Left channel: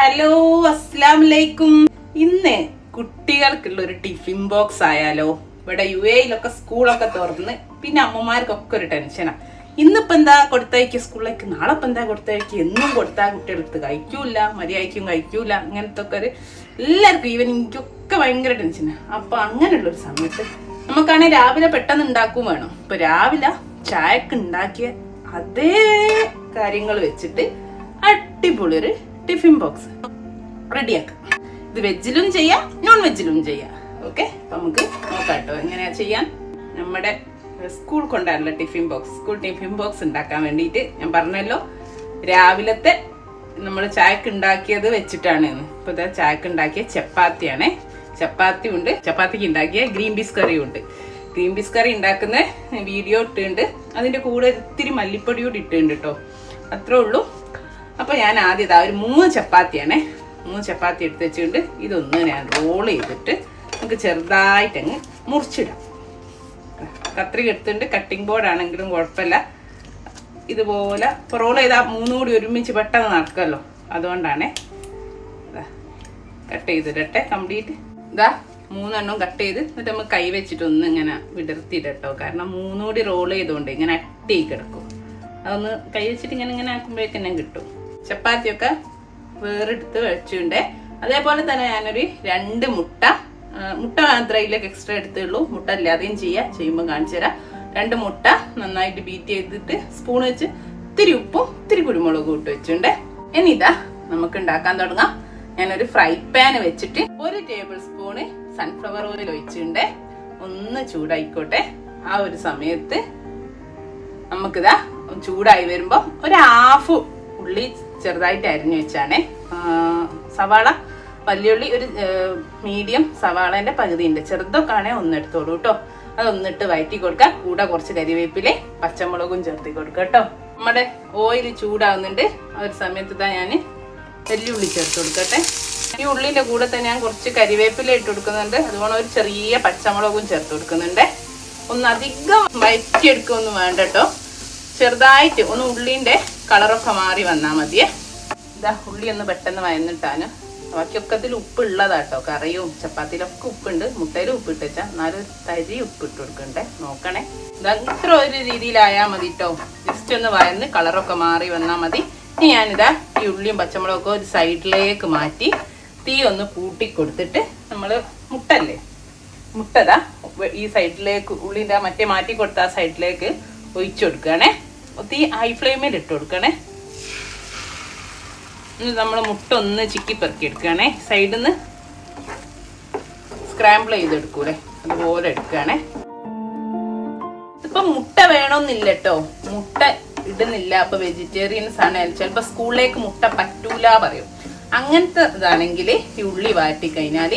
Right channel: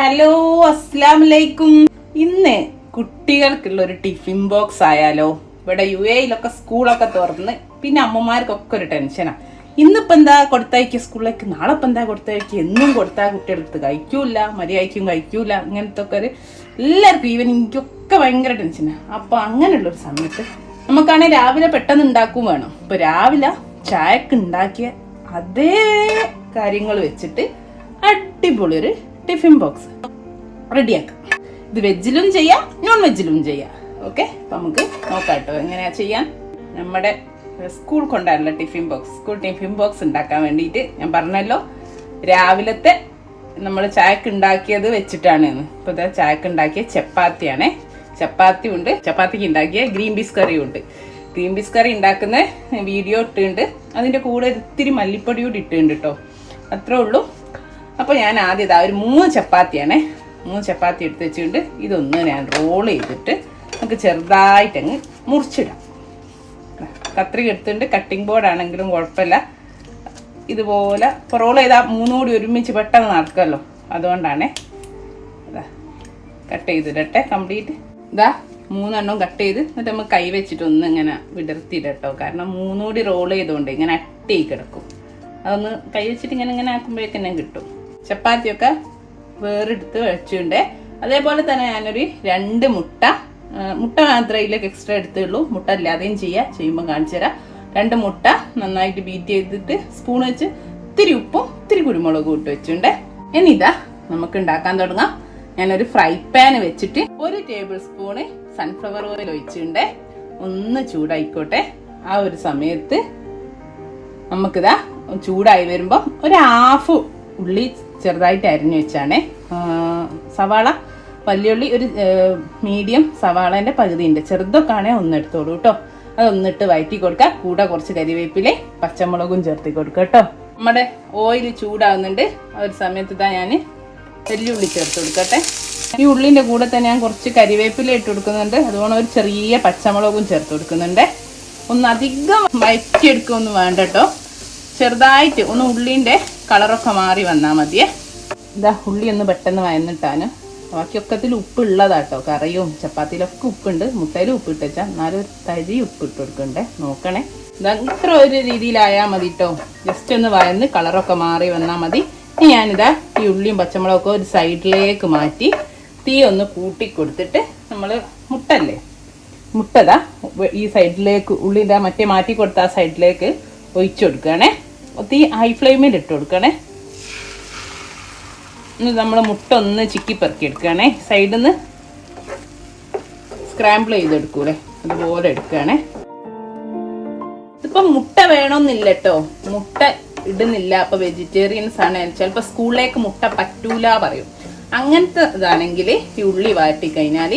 Hello, അസ്സലാമലൈക്കും. ഇന്ന് കുട്ടികൾക്കുള്ള ഒരു ടിഫിൻ ബോക്സ് ആയാലോ? ഇവിടെ UAE സ്കൂളൊക്കെ തുറന്ന് പിന്നെ അമ്മമാർക്കൊക്കെ ഒരു ടെൻഷനാ. ഇന്നിപ്പോ എന്താ കൊടുത്തയക്കുക സ്കൂളിലേക്ക്, നാളെ ഇപ്പൊ എന്താ കൊടുത്തയക്കുക, എന്നും കൊടുത്താൽ കുട്ടികളെടുത്ത് കഴിക്കൂല, മര്യാദയ്ക്കും കഴിക്കൂല. അങ്ങനത്തെ ഒക്കെ ഒരു എല്ലാവർക്കും ഈവൻ എനിക്കൊക്കെ ഭയങ്കര ടെൻഷനാ. അപ്പൊ അങ്ങനെയുള്ളൊരു സമയത്ത് നമുക്കാണെങ്കിൽ രാവിലെ പെട്ടെന്ന് ഉണ്ടാക്കും വേണം. ഇപ്പൊ രാവിലെ ചായക്ക് ഉണ്ടാക്കിയ അതേ കാര്യങ്ങൾ വെച്ചിട്ട് അടിപൊളി ഒരു ടിഫിൻ ബോക്സ് റെഡിയാക്കാം. ഇത് വെജിലും ചെയ്യാം, നോൺ വെജിലും ചെയ്യാം. ഓക്കെ, അപ്പൊ നമുക്ക് നോക്കാം കേട്ടോ എങ്ങനെയാ ചെയ്യാൻ. നമ്മുടെ സ്കൂൾ കൊണ്ടാണല്ലോ tiffin box, school tiffin box ഉണ്ടാക്കാൻ വേണ്ടിയിട്ട് ഞാൻ പറഞ്ഞല്ലോ രാവിലത്തെ നമ്മൾ ചായക്ക് ഉണ്ടാക്കിയത് വെച്ചിട്ടാണ്. ഇപ്പൊ ഇതാ ചായക്ക് ഉണ്ടാക്കിയ ചപ്പാത്തിയാണേ. ചപ്പാത്തി ഉണ്ട്, ചപ്പാത്തിക്ക് ഉണ്ടാക്കിയ ഗ്രീൻ പീസ് കറിയും ഉണ്ട്. ഗ്രീൻ പീസ് കറി ഉണ്ടാക്കുന്ന വീഡിയോ ഇട്ടുണ്ട്, അതിന്റെ കൂടെ ഇത്തിരി മല്ലിപ്പൊടി കൂടി ഇട്ടുണ്ട് കേട്ടോ. അത്രേ ഉള്ളൂ. അപ്പൊ ഞാൻ ആദ്യം ഇതാ ഒരു 3 ചപ്പാത്തിയാണേ, 3 ചപ്പാത്തി എടുത്ത് വെച്ചിട്ടുണ്ട്. ഇതൊന്ന് ഞാൻ റോൾ ചെയ്തിട്ട് നമുക്ക് ചെറുതായിട്ടങ്ങ് മുറിച്ചിടാം. കത്രിക എടുത്തിട്ടുണ്ട്, കട്ടിംഗ് ബോർഡ് ആണെങ്കിലും കുഴപ്പമില്ല. ഇതുപോലെ ഇപ്പോൾ റോൾ ചെയ്താൽ 3 കൂടി ഒരുമിച്ച് പെട്ടെന്ന് നടക്കുമല്ലോ, അതുകൊണ്ടാണേ. Cut ചെയ്തിടട്ടെ complete. ഇതാ 3 എണ്ണം കട്ട് ചെയ്ത് എന്നിട്ട് നമുക്ക് കൈ വെച്ചിട്ട് ഒന്ന് ഇങ്ങനെ വിടർത്തിയിടട്ടോ. കാരണം 3 കൂടി റോൾ ചെയ്തുകൊണ്ട് ഇങ്ങനെ അട്ടി കിടക്കും. അതൊന്ന് കൈ വെച്ചിട്ട് ഇങ്ങനെ ആക്കുമ്പോഴേക്കെന്നെ കിട്ടും. ചപ്പാത്തിയൊക്കെ വേറെടുത്ത് വെച്ചിട്ടുണ്ട്. അതേപോലെ തന്നെ ഞാനൊരു 2 മുട്ട മാത്രമേ ഇതിലേക്ക് എക്സ്ട്രാ എടുത്തുള്ളൂ. മുട്ട അല്ലാതെയും ചെയ്യുമ്പോൾ കാണിച്ചു തരാം. 2 മുട്ട നന്നായിട്ട് ബീറ്റ് ചെയ്തിട്ട് സ്പൂൺ വെച്ച് ഇത്തിരി ഉപ്പും ഇത്തിരി കുരുമുളകും ഇട്ട് വെച്ചിട്ടുണ്ട്. ഇനി ഇതാ നമുക്ക് ഉണ്ടാക്കാൻ തുടങ്ങാം. ഞാനൊരു ഫ്രൈ പാൻ വെച്ചിട്ട് 1 ടേബിൾ സ്പൂണ് സൺഫ്ലവർ ഓയിൽ ഒഴിച്ചിട്ടുണ്ട്. ഒന്ന് ചൂടായിക്കോട്ടെ. ആ ഒരു സമയത്ത് നമുക്കിതാ ചൂടായി വരുമ്പം ഒരു 1/2 ഉള്ളി ചെറുതായിട്ട് അരിഞ്ഞു വെച്ചാണേ. സവാള വലിയുള്ളി ഒരു മീഡിയം സവാളേന്റെ പകുതി ഉണ്ട്, ചെറുതൊക്കെ ആണേ ഒന്ന് എടുത്തോളൂ കേട്ടോ. അതൊന്നിട്ട് വഴറ്റി കൊടുക്കാം. കൂടെ കുറച്ച് കരിവേപ്പിലെ പച്ചമുളകും ചേർത്തി കൊടുക്കാം കേട്ടോ. നമ്മുടെ ഓയിൽ ചൂടാവുന്നുണ്ട്. ആ ഒരു സമയത്ത് ഇതാ ഞാൻ വെല്ലുള്ളി ചേർത്ത് കൊടുക്കട്ടെ. ഈ ഉള്ളിന്റെ കൂടെ തന്നെ ഞാൻ കുറച്ച് കരിവേപ്പില ഇട്ട് കൊടുക്കുന്നുണ്ട്. അതുകൊണ്ട് ഒരു ചെറിയ പച്ചമുളകും ചേർത്ത് കൊടുക്കുന്നുണ്ട്. ഒന്ന് അധികം വഴറ്റിയെടുക്കൊന്നും വേണ്ട കേട്ടോ. ചെറുതായിട്ട് ഒന്ന് ഉള്ളിന്റെ കളറൊക്കെ മാറി വന്നാൽ മതിയേ. ഇതാ ഉള്ളി ഒന്ന് പെട്ടെന്ന് വയന്നിട്ടാനും. ബാക്കിയൊക്കത്തിൽ ഉപ്പുള്ളതാട്ടോ. കറിയും ചപ്പാത്തിയിലൊക്കെ ഉപ്പുണ്ട്, മുട്ടയിലും ഉപ്പിട്ട് വെച്ചാൽ എന്നാലും തരി ഉപ്പിട്ട് കൊടുക്കണ്ടേ, നോക്കണേ. ഇതാ ഇത്ര ഒരു രീതിയിലായാൽ മതി കേട്ടോ. ജസ്റ്റ് ഒന്ന് വയന്ന് കളറൊക്കെ മാറി വന്നാൽ മതി. ഇനി ഞാനിതാ ഈ ഉള്ളിയും പച്ചമുളകൊക്കെ ഒരു സൈഡിലേക്ക് മാറ്റി തീ ഒന്ന് കൂട്ടി കൊടുത്തിട്ട് നമ്മൾ മുട്ടതാ ഈ സൈഡിലേക്ക് ഉള്ളി ഇതാ മറ്റേ മാറ്റി കൊടുത്ത ആ സൈഡിലേക്ക് ഒഴിച്ചു കൊടുക്കണേ. തീ ഹൈ ഫ്ലെയിമിൽ ഇട്ട് കൊടുക്കണേ. നമ്മൾ മുട്ട ഒന്ന് ചിക്കി പെറുക്കി എടുക്കുകയാണേ. സൈഡിൽ നിന്ന് സ്ക്രാമ്പിൾ ചെയ്തെടുക്കൂലേ, അതുപോലെ എടുക്കുകയാണേ. ഇതിപ്പം മുട്ട വേണമെന്നില്ല കേട്ടോ, മുട്ട ഇടുന്നില്ല. അപ്പൊ വെജിറ്റേറിയൻസ് ആണ്, ചിലപ്പോൾ സ്കൂളിലേക്ക് മുട്ട പറ്റൂല പറയും. അങ്ങനത്തെ ഇതാണെങ്കിൽ ഈ ഉള്ളി വാട്ടി കഴിഞ്ഞാൽ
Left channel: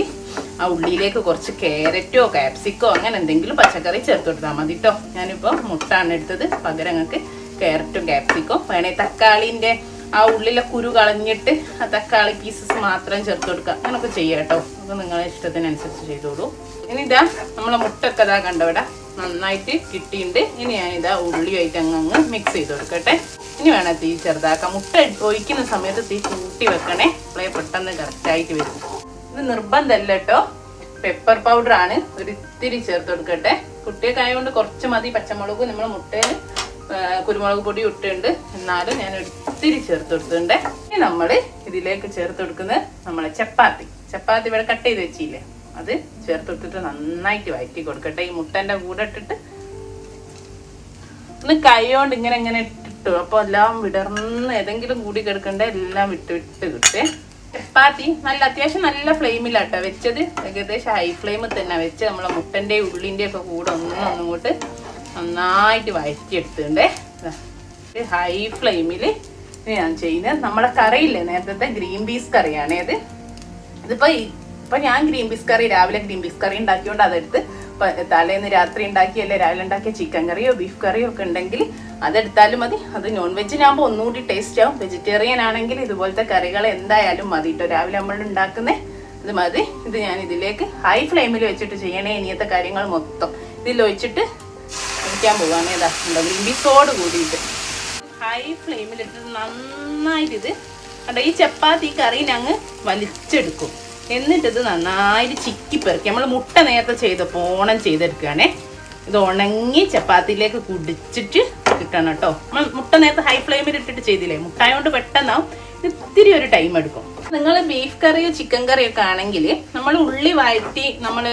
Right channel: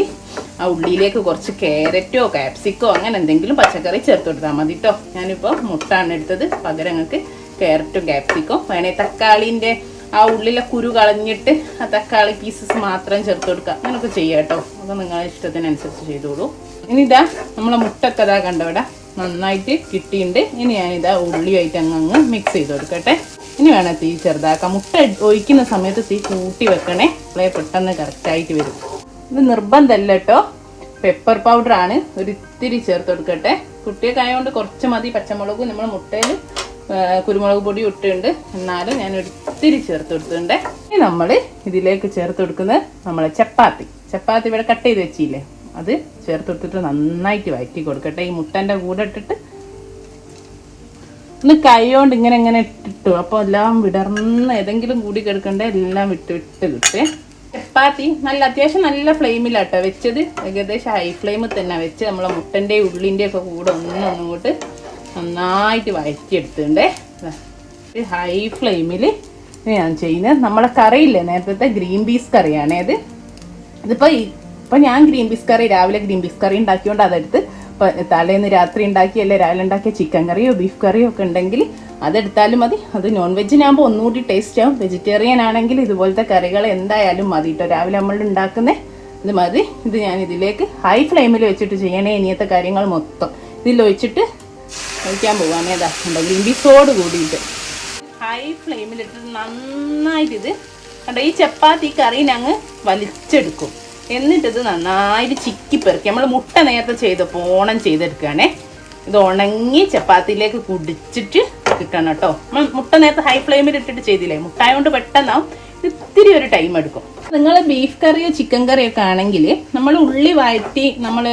ആ ഉള്ളിയിലേക്ക് കുറച്ച് ക്യാരറ്റോ കാപ്സിക്കോ അങ്ങനെ എന്തെങ്കിലും പച്ചക്കറി ചേർത്ത് കൊടുത്താൽ മതി കേട്ടോ. ഞാനിപ്പോൾ മുട്ടാണ് എടുത്തത്, പകരം നിങ്ങൾക്ക് ക്യാരറ്റും കാപ്സിക്കോ വേണേ തക്കാളിൻ്റെ ആ ഉള്ളിലെ കുരു കളഞ്ഞിട്ട് ആ തക്കാളി പീസസ് മാത്രം ചേർത്ത് കൊടുക്കുക. അങ്ങനെയൊക്കെ ചെയ്യാം കേട്ടോ. അപ്പോൾ നിങ്ങളെ ഇഷ്ടത്തിനനുസരിച്ച് ചെയ്തോളൂ. ഇനി ഇതാ നമ്മളെ മുട്ടൊക്കെ ഇതാ കണ്ടവിടെ നന്നായിട്ട് കിട്ടിയിട്ടുണ്ട്. ഇനി ഞാനിതാ ഉള്ളിയായിട്ട് അങ്ങ് മിക്സ് ചെയ്ത് കൊടുക്കട്ടെ. ഇനി വേണം തീ ചെറുതാക്കാം. മുട്ട ഒഴിക്കുന്ന സമയത്ത് തീ കൂട്ടി വെക്കണേ, അപ്പോഴേ പെട്ടെന്ന് കറക്റ്റായിട്ട് വരും. ഇത് നിർബന്ധമല്ല കേട്ടോ, പെപ്പർ പൗഡർ ആണ്, ഒരു ഇത്തിരി ചേർത്ത് കൊടുക്കട്ടെ. കുട്ടിയൊക്കെയായതുകൊണ്ട് കുറച്ച് മതി. പച്ചമുളക് നമ്മൾ മുട്ടയിൽ കുരുമുളക് പൊടി ഇട്ടുണ്ട്, എന്നാലും ഞാൻ ഒത്തിരി ചേർത്ത് കൊടുത്തിട്ടുണ്ട്. ഇനി നമ്മൾ ഇതിലേക്ക് ചേർത്ത് കൊടുക്കുന്നത് നമ്മളെ ചപ്പാത്തി ഇവിടെ കട്ട് ചെയ്ത് വെച്ചില്ലേ, അത് ചേർത്ത് കൊടുത്തിട്ട് നന്നായിട്ട് വഴറ്റി കൊടുക്കട്ടെ. ഈ മുട്ടൻ്റെ കൂടെ ഇട്ടിട്ട് ഒന്ന് കൈ കൊണ്ട് ഇങ്ങനെ ഇട്ടിട്ടു. അപ്പോൾ എല്ലാം വിടർന്ന് ഏതെങ്കിലും കൂടി കിടക്കണ്ടേ, എല്ലാം വിട്ട് കിട്ടേ. ചപ്പാത്തി അത്യാവശ്യം നല്ല ഫ്ലെയിമിലാട്ടോ വെച്ചത്. ഏകദേശം ഹൈ ഫ്ലെയിമിൽ തന്നെ വെച്ച് നമ്മളെ മുട്ടൻ്റെ ഉള്ളിൻ്റെ ഒക്കെ കൂടെ ഒന്നിങ്ങോട്ട് നന്നായിട്ട് വഴറ്റിയെടുത്തിട്ടുണ്ടേ. ഹൈ ഫ്ലെയിമിൽ ഞാൻ ചെയ്യുന്നത് നമ്മളെ കറിയില്ലേ, നേരത്തെ ഗ്രീൻ പീസ് കറിയാണേ അത്. ഇപ്പൊ ഞാൻ ഗ്രീൻ പീസ് കറി രാവിലെ ഗ്രീൻ പീസ് കറി ഉണ്ടാക്കിയോണ്ട് അതെടുത്ത് തലേന്ന് രാത്രി ഉണ്ടാക്കിയല്ലേ രാവിലെ ഉണ്ടാക്കിയ ചിക്കൻ കറിയോ ബീഫ് കറിയോ ഒക്കെ ഉണ്ടെങ്കിൽ അതെടുത്താലും മതി. അത് നോൺ വെജിനാകുമ്പോൾ ഒന്നുകൂടി ടേസ്റ്റ് ആവും. വെജിറ്റേറിയൻ ആണെങ്കിൽ ഇതുപോലത്തെ കറികൾ എന്തായാലും മതി കേട്ടോ. രാവിലെ നമ്മൾ ഉണ്ടാക്കുന്നേ ഇത് മതി. ഇത് ഞാൻ ഇതിലേക്ക് ഹൈ ഫ്ലെയിമിൽ വെച്ചിട്ട് ചെയ്യണേ. ഇനിയത്തെ കാര്യങ്ങൾ മൊത്തം ഇതിൽ ഒഴിച്ചിട്ട് ഒഴിക്കാൻ പോവാണ്. ഗ്രീൻ പീസോട് കൂടിയിട്ട് ഹൈ ഫ്ലെയിമിലിട്ട് നന്നായിട്ട് ഇത് കണ്ടോ, ഈ ചപ്പാത്തി കറീനെ അങ്ങ് വലിച്ചെടുക്കും. എന്നിട്ടിത് നന്നായിട്ട് ചിക്കി പെറുക്കി. നമ്മൾ മുട്ട നേരത്തെ ചെയ്തപ്പോൾ ഓണം ചെയ്തെടുക്കുകയാണേ. ഇത് ഉണങ്ങി ചപ്പാത്തിയിലേക്ക് കുടിച്ചിട്ട് കിട്ടണം കേട്ടോ. നമ്മൾ മുട്ട നേരത്തെ ഹൈ ഫ്ലെയിമിൽ ഇട്ടിട്ട് ചെയ്തില്ലേ, മുട്ടായോണ്ട് പെട്ടെന്നാവും. ഇത്തിരി ഒരു ടൈം എടുക്കും. നിങ്ങൾ ബീഫ് കറിയോ ചിക്കൻ കറിയോ ഒക്കെ ആണെങ്കിൽ നമ്മൾ ഉള്ളി വഴറ്റി നമ്മൾ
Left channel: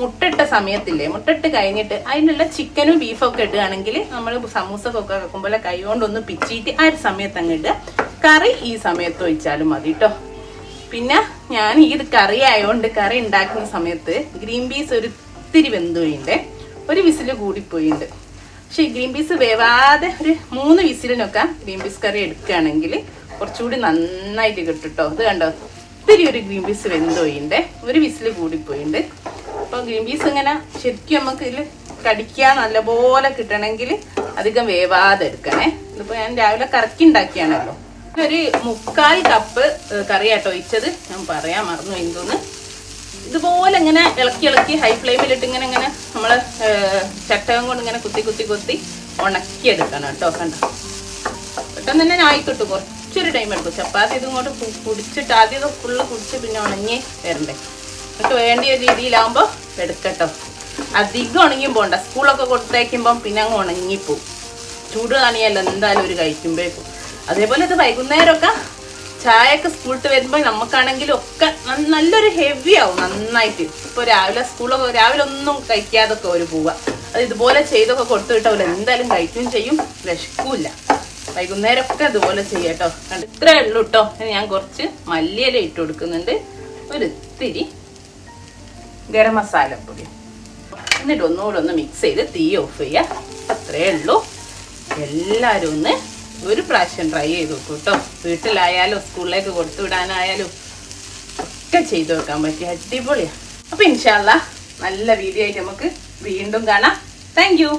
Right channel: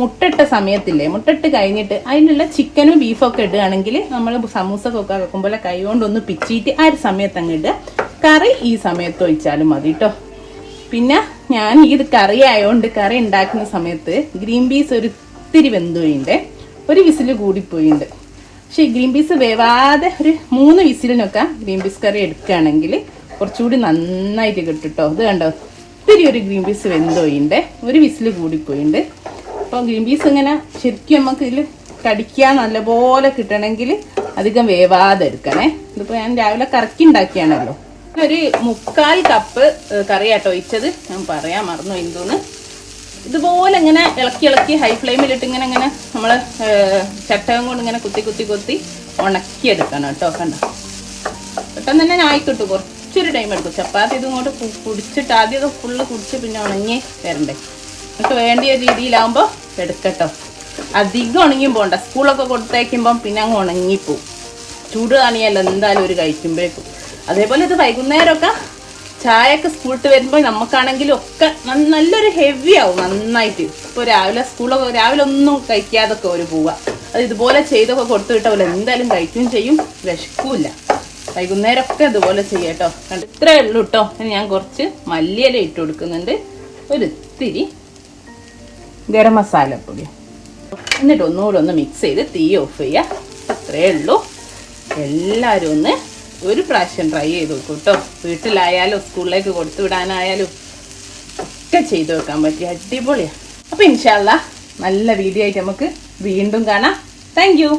മുട്ടിട്ട സമയത്തില്ലേ, മുട്ടിട്ട് കഴിഞ്ഞിട്ട് അതിനുള്ള ചിക്കനും ബീഫൊക്കെ ഇടുകയാണെങ്കിൽ നമ്മൾ സമൂസക്കൊക്കെ വെക്കുമ്പോൾ കൈ കൊണ്ടൊന്ന് പിച്ചിയിട്ട് ആ ഒരു സമയത്ത് അങ്ങ് ഇടുക. കറി ഈ സമയത്ത് ഒഴിച്ചാലും മതി കേട്ടോ. പിന്നെ ഞാൻ ഇത് കറി ആയതുകൊണ്ട് കറി ഉണ്ടാക്കുന്ന സമയത്ത് ഗ്രീൻ പീസ് ഒരു ഇത്തിരി വെന്തുപോയിണ്ട്, ഒരു വിസിൽ കൂടിപ്പോയിണ്ട്. പക്ഷെ ഈ ഗ്രീൻ പീസ് വേവാതെ ഒരു 3 വിസിലിനൊക്കെ ഗ്രീൻ പീസ് കറി എടുക്കുകയാണെങ്കിൽ കുറച്ചുകൂടി നന്നായിട്ട് കിട്ടും കേട്ടോ. ഇത് കണ്ടോ, ഇത്തിരി ഒരു ഗ്രീൻ പീസ് വെന്തുപോയിണ്ട്, ഒരു വിസിൽ കൂടിപ്പോയിണ്ട്. അപ്പോൾ ഗ്രീൻ പീസ് ഇങ്ങനെ ശരിക്കും നമുക്ക് ഇതിൽ കടിക്കാൻ നല്ലപോലെ കിട്ടണമെങ്കിൽ അധികം വേവാതെ എടുക്കണേ. ഇതിപ്പോൾ ഞാൻ രാവിലെ കറക്കി ഉണ്ടാക്കിയാണല്ലോ. ഒരു 3/4 കപ്പ് കറിയാട്ടോ ഒഴിച്ചത്, ഞാൻ പറയാൻ മറന്നു എന്തോന്ന്. ഇതുപോലെ ഇങ്ങനെ ഇളക്കി ഹൈ ഫ്ലെയിമിലിട്ട് ഇങ്ങനെ നമ്മൾ ചട്ടകം കൊണ്ട് ഇങ്ങനെ കുത്തി ഉണക്കിയെടുക്കണം കേട്ടോ. കണ്ടോ, പെട്ടെന്ന് തന്നെ ആയിക്കിട്ടു, കുറച്ചൊരു ടൈം എടുക്കും. ചപ്പാത്തി ഇതും കൂടെ കുടിച്ചിട്ട് ആദ്യമൊക്കെ ഫുള്ള് കുടിച്ച് പിന്നെ ഉണങ്ങി വരണ്ടേ. നമുക്ക് വേണ്ടിയ രീതിയിലാകുമ്പോൾ എടുക്കട്ടോ. അധികം ഉണങ്ങി പോകണ്ട, സ്കൂളൊക്കെ കൊടുത്തേക്കുമ്പം പിന്നെ അങ്ങ് ഉണങ്ങിപ്പോവും. ചൂട് കാണിയല്ലോ എന്തായാലും ഒരു കഴിക്കുമ്പോഴേക്കും. അതേപോലെ ഇത് വൈകുന്നേരമൊക്കെ ചായയൊക്കെ സ്കൂളിട്ട് വരുമ്പോൾ നമുക്കാണെങ്കിലും ഒക്കെ നല്ലൊരു ഹെവി ആവും നന്നായിട്ട്. ഇപ്പോൾ രാവിലെ ഒന്നും കഴിക്കാതൊക്കെ ഒരു പോവുക, അത് ഇതുപോലെ ചെയ്തൊക്കെ കൊടുത്തു വിട്ടാൽ എന്തായാലും കഴിക്കുകയും ചെയ്യും, വിശക്കൂല. വൈകുന്നേരമൊക്കെ ഇതുപോലെ ചെയ്യട്ടോ. കണ്ട് ഇത്രയേ ഉള്ളൂ കേട്ടോ. ഇനി ഞാൻ കുറച്ച് മല്ലിയില ഇട്ട് കൊടുക്കുന്നുണ്ട്, ഒരു ഇത്തിരി ഗരം മസാല പൊടി, എന്നിട്ട് ഒന്നുകൂടെ ഒന്ന് മിക്സ് ചെയ്ത് തീ ഓഫ് ചെയ്യുക. അത്രയേ ഉള്ളൂ. എല്ലാവരും ഒന്ന് ഒരു പ്രാവശ്യം ട്രൈ ചെയ്ത് നോക്കൂ കേട്ടോ. വീട്ടിലായാലും സ്കൂളിലേക്ക് കൊടുത്തു വിടാനായാലും ഒക്കെ ചെയ്ത് വെക്കാൻ പറ്റിയ അടിപൊളിയാണ്. അപ്പോൾ ഇൻഷാ അല്ലാഹ് നല്ല വീഡിയോ ആയിട്ട് നമുക്ക് വീണ്ടും കാണാം. Thank you.